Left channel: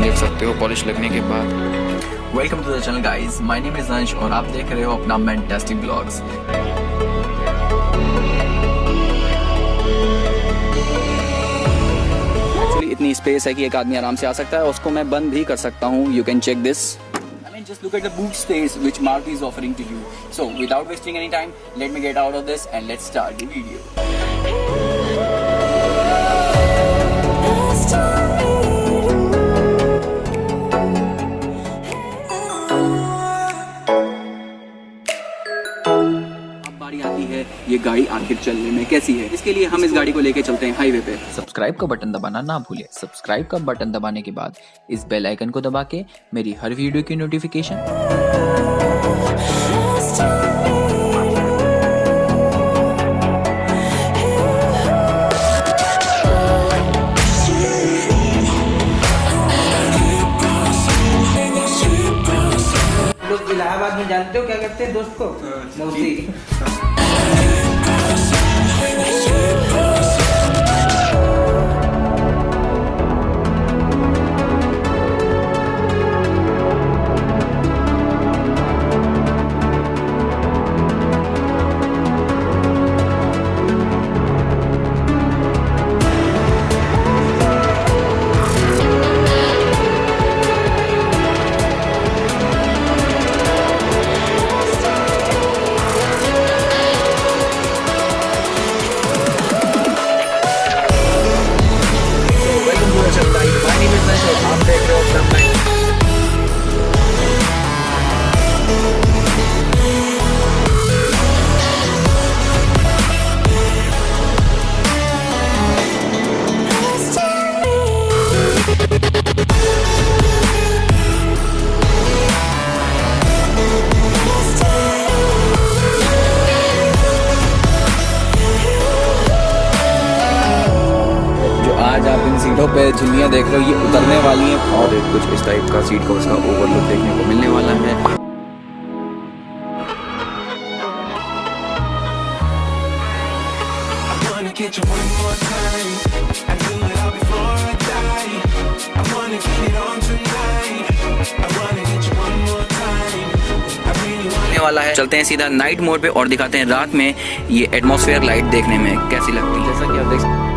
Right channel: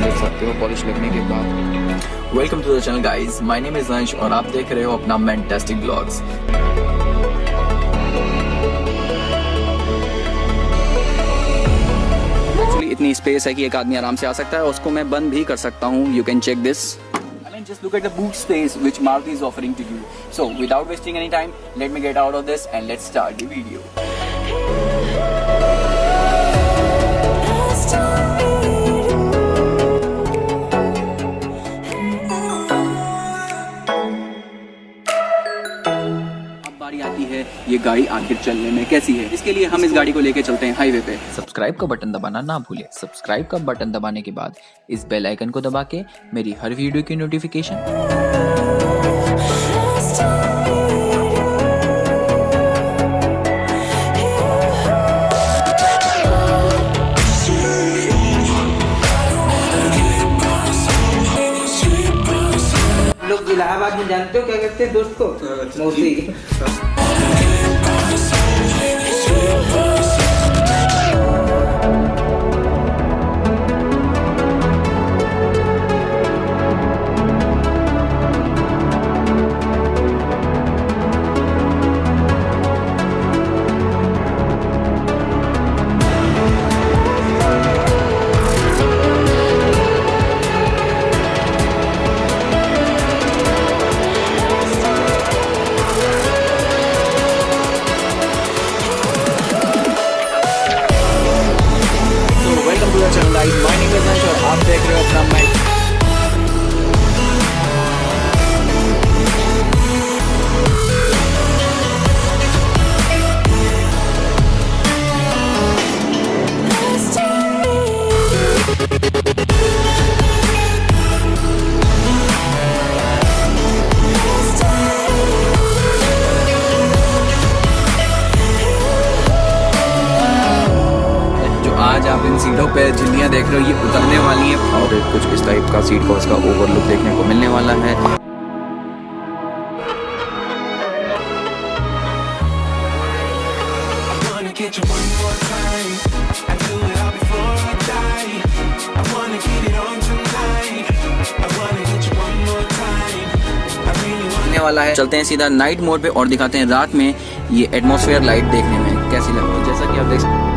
तुम देख सकते हो पॉलिश लगने के बाद। Welcome to the channel guys, my name is Ansh और आप देख रहे हो अपना मैंटास्टिक व्लॉग्स। एक्चुअली इतनी स्पेस है कि एक आदमी आराम से आ सकता है, उसको मैं बंद भी कर सकता हूँ। You can check this. Just look at the boot space which Maruti is offering to you. So without wasting any time, let me get out of this and let's start the video. अब बारी आती है ये गाड़ी आखिर चलने में कैसी है। इसके लिए हम इस गाड़ी को लेके चलते हैं हाईवे पे। सब्सक्राइब का बटन दबाना ना भूले। सब्सक्राइब का बटन दबाने के बाद इस बेल आइकन को दबा के मेरी हर वीडियो की नोटिफिकेशन। लोग इलाहाबाद में जानते हो क्या करते हैं दोस्त को? मौसी। आप देख रहे हो अपना आज आप इन सीटों पे झिल्लियां देख रहे हो, ये उतरने वाली हैं और कुछ इस टाइप का सीट का उसका ओवरलुक देखने को मिलने वाला है। वाला है चलते हैं सीधा नाइट मोड पे और दिखाते हैं रात में ये एटमॉस्फेयर लाइट देखने में कैसी लगती है। जैसा कि आप देख सकते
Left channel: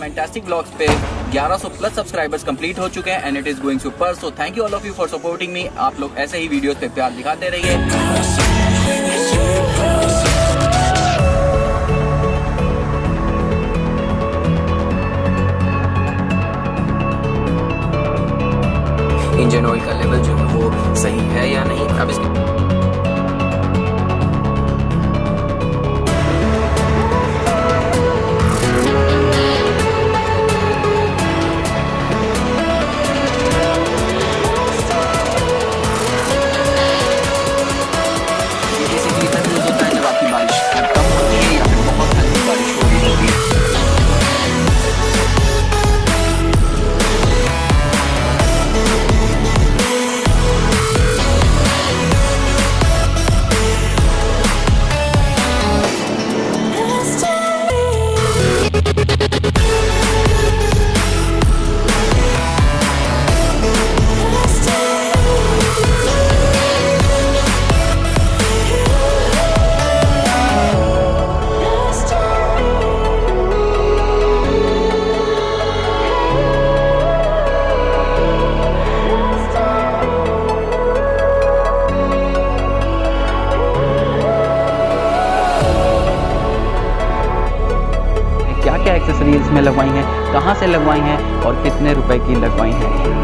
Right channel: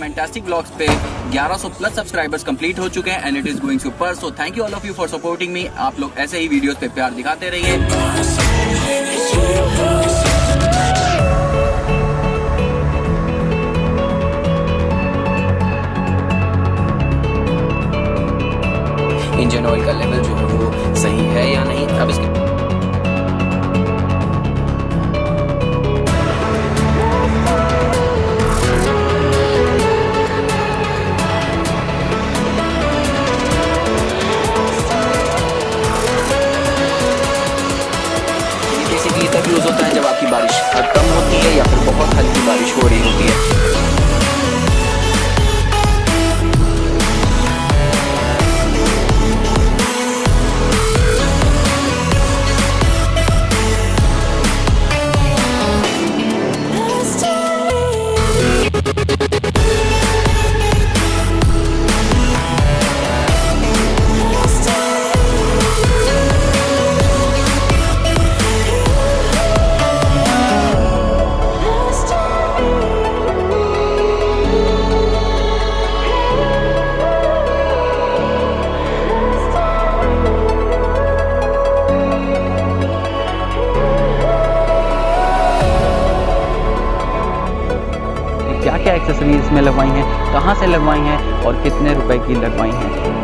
Mantastic Vlogs पे 1100 प्लस सब्सक्राइबर्स कंप्लीट हो चुके हैं and it is going super. So thank you all of you for supporting me. आप लोग ऐसे ही वीडियोस पे प्यार दिखाते रहिए। इंजन ऑयल का लेवल जो है वो सही है या नहीं। अब इसके जब आपकी बारिश कम होती है या फिर बहुत हल्की बारिश हो रही होती है। क्या क्या एक्सेसरीज इसमें लगवाई हैं, कहाँ से लगवाई हैं और कितने रुपए की लगवाई हैं।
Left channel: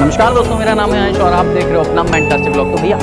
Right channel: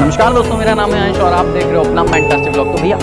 नमस्कार दोस्तों, मेरा नाम है अंश और आप देख रहे हो अपना मैंटास्टिक व्लॉग। तो भैया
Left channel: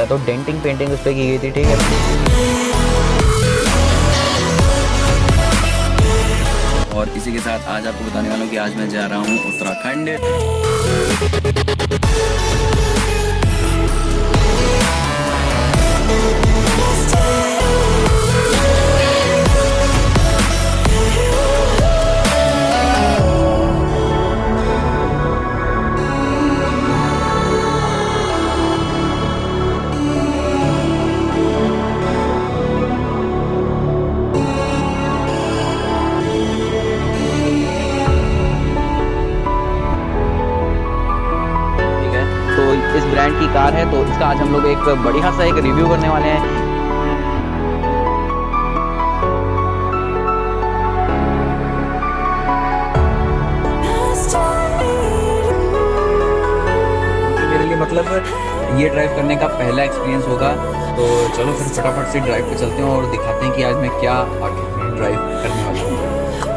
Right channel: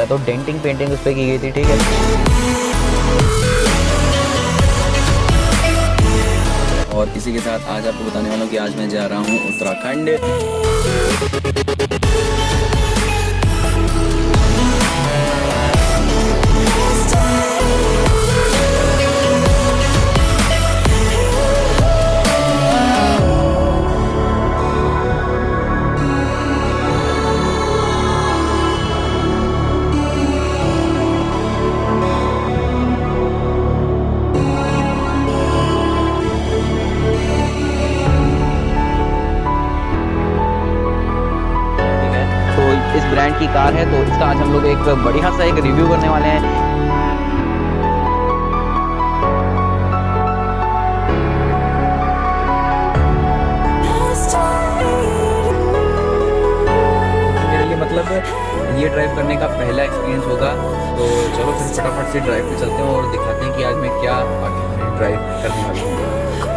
तो डेंटिंग पेंटिंग उस पर की गई थी, ठीक है। और इसी के साथ आज आपको बताने वाला हूँ कि आज मैं जा रहा हूँ उत्तराखंड। तो इस ब्रांड की कार है, तो इसका आज हम लोग एक बढ़िया सा एक रिव्यू करने वाले हैं। मेरे लिए मतलब ये ड्राइव करने का पहला एक्सपीरियंस होगा, तो चलो फिर फटाफट से ड्राइव पे चलते हैं और दिखाते हैं कि आज मैं क्या आगे ड्राइव करने वाला हूँ।